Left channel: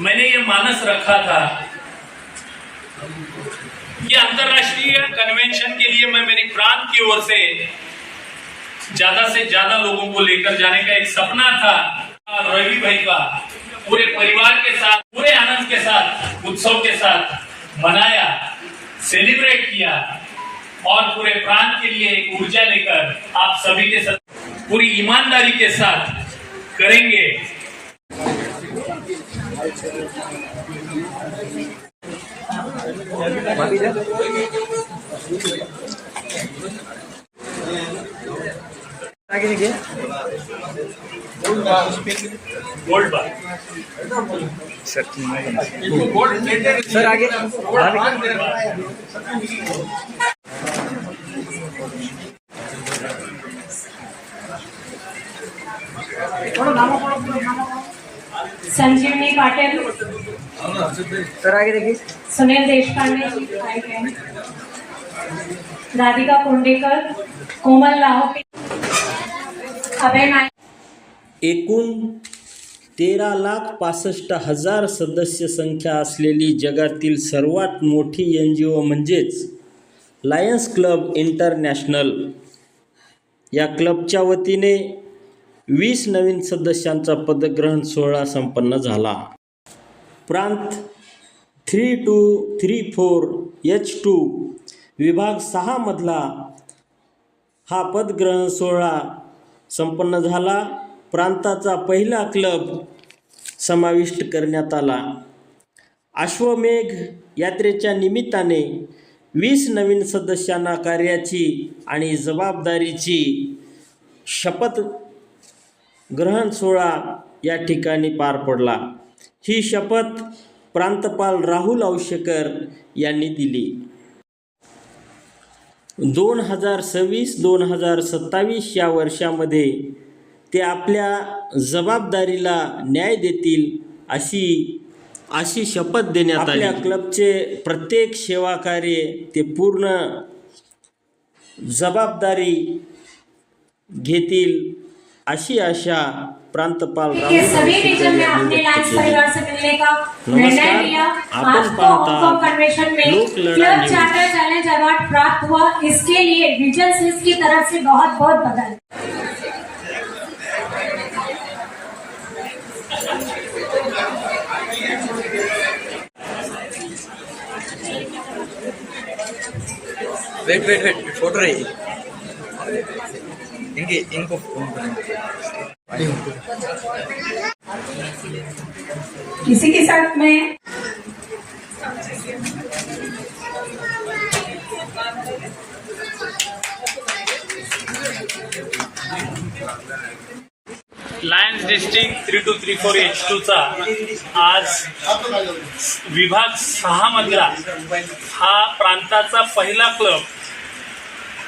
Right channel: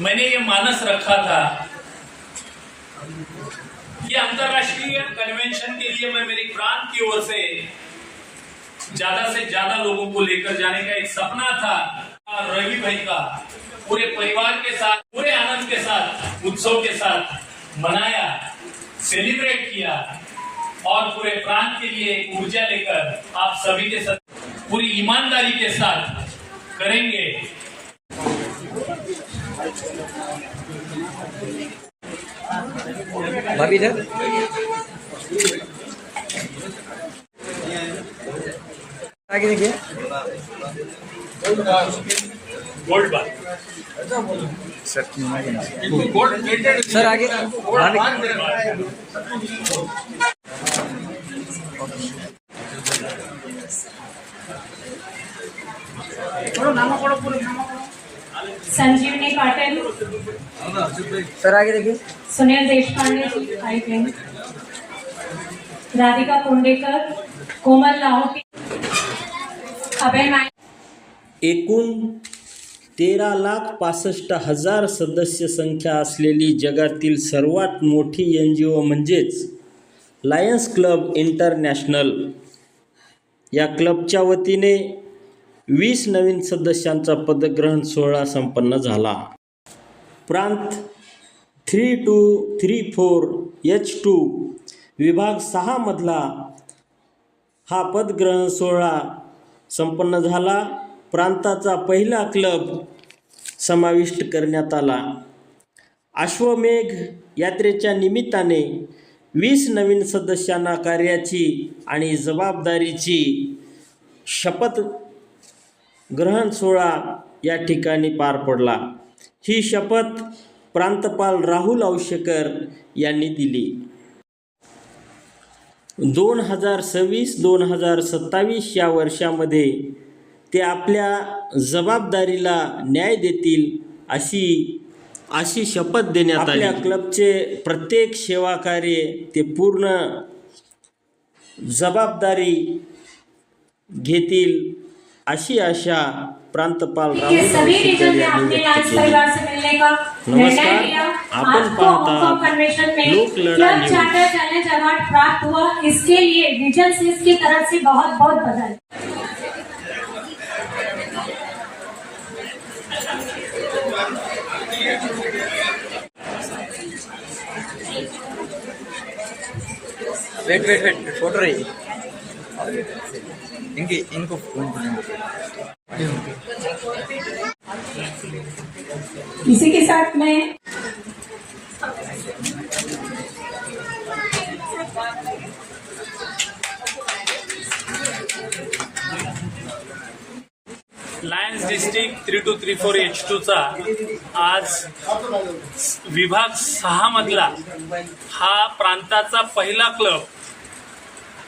मैंने ये मानस रखा था कि अंतर्राष्ट्रीय कन्वेंशन के लिए मैं मेरी प्रांत की ओर से ज्यादा लोगों को लेकर जाने का एक सपना था। रवि भाई का पूरे परिवार के साथ पूरे आनंद के साथ उत्सव के साथ मनाया, सेलिब्रेट किया और पूरे प्रांत के लिए एक ऊर्जा लेकर आप सभी के साथ पूरी ईमानदारी के साथ करेंगे। आगे देखिए गोल्ड बार सर आगे संजीवनी पाटिल, सर आगे देखिए सुनील देशपांडे जी आए हैं, राधिका कोंडेकर, कोमल लाहोटी, अभय नाईक। एकूण 13,65,000 सदस्य संख्या असलेली जगातील सर्वात मोठी NGO म्हणजेच लायन्स क्लब इंटरनॅशनल या क्लबच्या वतीने 20 नवीन सदस्यांचा पदग्रहण सोहळा संपन्न झाला। प्रांत 3234 H2 विभाग 6 मधला हा पदग्रहण सोहळा संपन्न झाला। प्रांताचा पहिला क्लब समाविष्ट करण्यात आला। अश्वमेघ यात्रेच्या निमित्ताने 20 नवीन सदस्यांना कार्याची आणि जबाबदारीची शपथ ग्रहण सोहळा या ठिकाणी पार पडला। ही शपथ प्रांतपाल राहुल औशेकर यांनी दिली। 2026-2027 या वर्षामध्ये ते आपल्या जबाबदारीला न्याय देतील अशी शपथ देण्यात आली। आपल्या क्लबचे प्रत्येक सेवा कार्य ते पूर्ण जबाबदारी घेतील अशी आशा प्रांतपाल राहुल औशेकर यांनी व्यक्त केली। नमस्कार, आपण पाहतात लोकलढा न्यूज। चैलेंज अवार्ड प्राप्त हुआ, इसके लिए विजन सिल्स की तरफ से बहुत बहुत बधाई। वेट फोटो रही इनको इसी के साथ में लायन्स डिस्ट्रिक्ट 3234 H2 चा आज विभाग 6 मधला हा प्रांताचा पहिला क्लब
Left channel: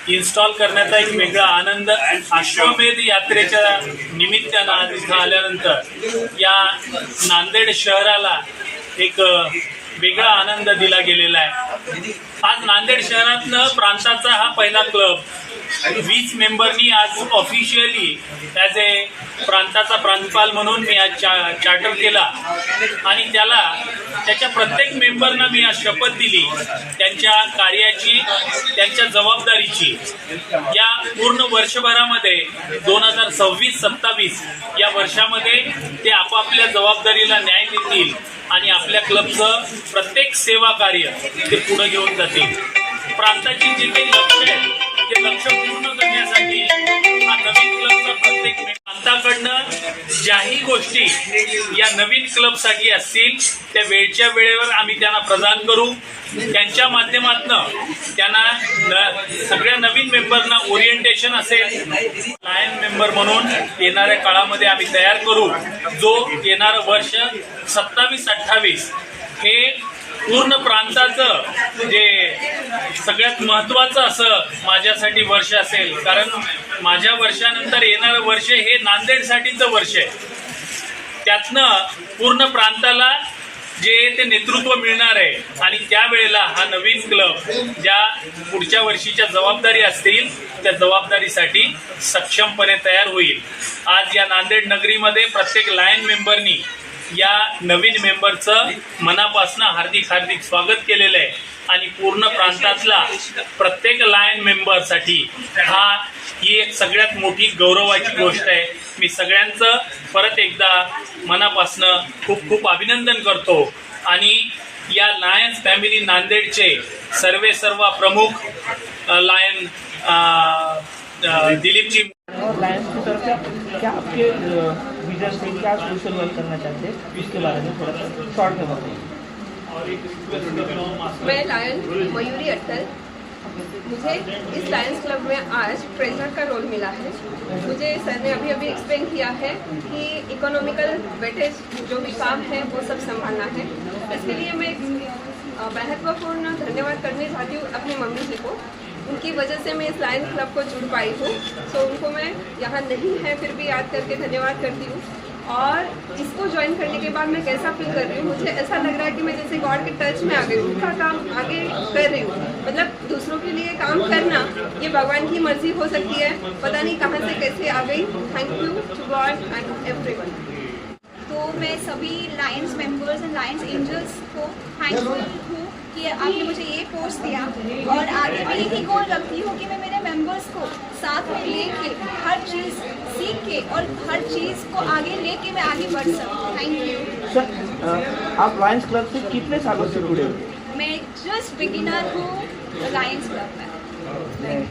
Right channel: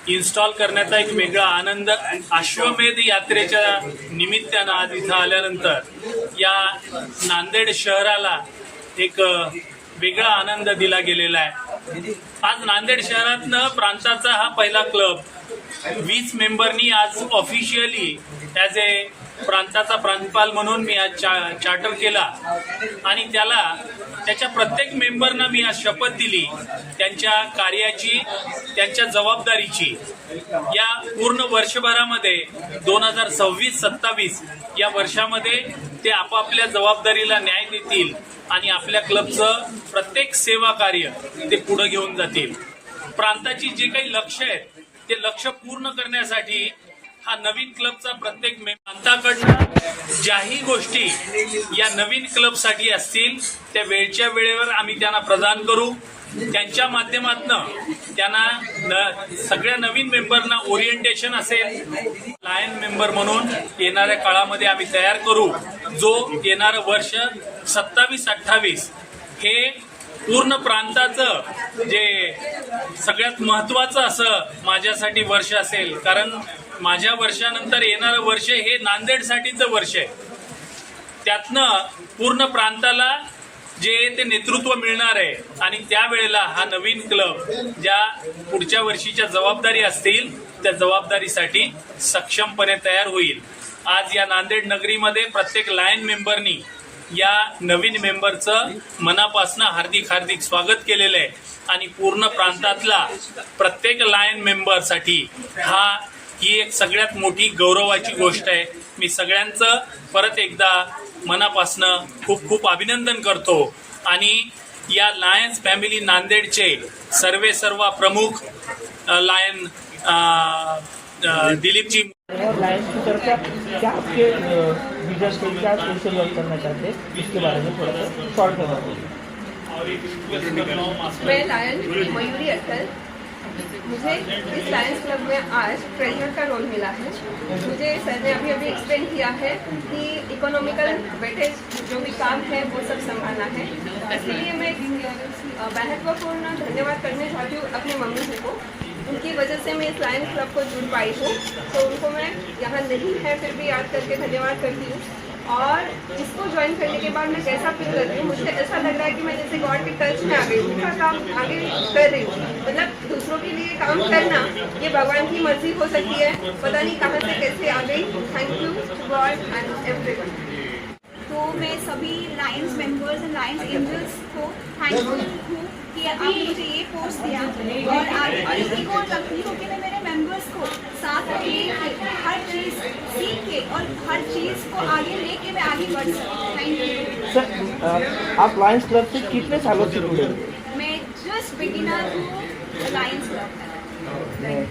इन्स्टॉल करण्याचा एक वेगळा आनंद अश्वमेध यात्रेच्या निमित्तानं आज इथं आल्यानंतर या नांदेड शहराला एक वेगळा आनंद दिला गेलेला आहे। आज नांदेड शहरातनं प्रांताचा हा पहिला क्लब 20 मेंबरनी आज ऑफिशियली ॲज ए प्रांताचा प्रांतपाल म्हणून मी आज चार्टर केला आणि त्याच्या प्रत्येक मेंबरना मी आज शपथ दिली त्यांच्या कार्याची, त्यांच्या जबाबदारीची। या पूर्ण वर्षभरामध्ये 2026-27 या वर्षामध्ये ते आपापल्या जबाबदारीला न्याय देतील आणि आपल्या क्लबचं प्रत्येक सेवा कार्य ते पुढे घेऊन जातील। प्रांताची जी काही लक्ष्य आहेत ते लक्ष्य पूर्ण करण्यासाठी हा नवीन क्लबचा प्रत्येक प्रांताकडनं ज्याही गोष्टी या नवीन क्लबसाठी असतील त्या वेळच्या वेळेवर आम्ही त्यांना प्रदान करू। त्यांच्या माध्यमातून त्यांना सगळ्या नवीन मेंबरना ओरिएंटेशन असेल, लायन मेंबर म्हणून येणाऱ्या काळामध्ये आम्ही तयार करू। जो येणारं वर्ष 27-28 हे पूर्ण प्रांताचं जे सगळ्यात महत्त्वाचं असं माझ्यासाठी वर्ष असेल, कारण माझ्या वर्षानंतर येणारं वर्ष हे नांदेडसाठीचं वर्ष आहे। त्यातनं पूर्ण प्रांताला जे ते नेतृत्व मिळणार आहे आणि त्यावेळेला हा नवीन क्लब ज्या पुढच्या वर्षीच्या जबाबदारी असतील त्या जबाबदारीसाठी सक्षमपणे तयार होईल। आज या नांदेड नगरीमध्ये प्रत्येक लायन मेंबरनी या नवीन मेंबरचं मनापासून हार्दिक हार्दिक स्वागत केलेलं आहे आणि पूर्ण प्रांतातला प्रत्येक लायन मेंबरसाठी ही एक सगळ्यात मोठी गौरवाची गोष्ट आहे. मी सगळ्यांचं परत एकदा मनापासून खूप खूप अभिनंदन करतो आणि या लायन्स फॅमिली नांदेडचे सर्व प्रमुख लायन दिलीपजी और लायंस की तरफ से क्या आपके विजन से क्या सोशल वर्क करना चाहते हैं इसके बारे में थोड़ा सा शॉर्ट में बताइए. मैं लायन मयूरी अट्टल. मुझे इस लायंस क्लब में आज ट्रेजरर का रोल मिला है. मुझे सर ने अभी एक्सप्लेन किया है कि इकोनॉमिकल वेटेज जो भी काम है वो सब संभालना है. इसलिए मैं महत्वपूर्ण धन्यवाद करने चाहती हूँ अपनी मम्मी जी को. उनकी वजह से मैं इस लायन क्लब को जुड़ पाई हूँ, तो उनको मैं यहाँ नहीं है फिर भी याद करके धन्यवाद करती हूँ. और इसको ज्वाइन करने के बाद मैं कैसा फील कर रही हूँ, मुझे ऐसा लग रहा है कि मैं जैसे गॉड के टच में आ गई हूँ, उनका काम आगे कर रही हूँ. मतलब दूसरों के लिए काम करना ये भगवान की मर्जी हो सकती है, पता नहीं कहाँ से कैसे आ गई. Thank you to God and everyone. तो मैं सभी lions members and lions angels को थैंकफुल हूँ कि आपने मुझे ये पोस्ट दिया. और आगे मैं यही गोल रखती हूँ कि मैं मेरे मेंबर्स को साथ में लेके हर चीज़ सीख के और हर चीज़ को आगे लेके मैं आगे बढ़ सकूँ. Thank you. सर आप लायंस क्लब से कितने सालों से जुड़े हो? मैं जस्ट बिगिनर हूँ लायंस क्लब में.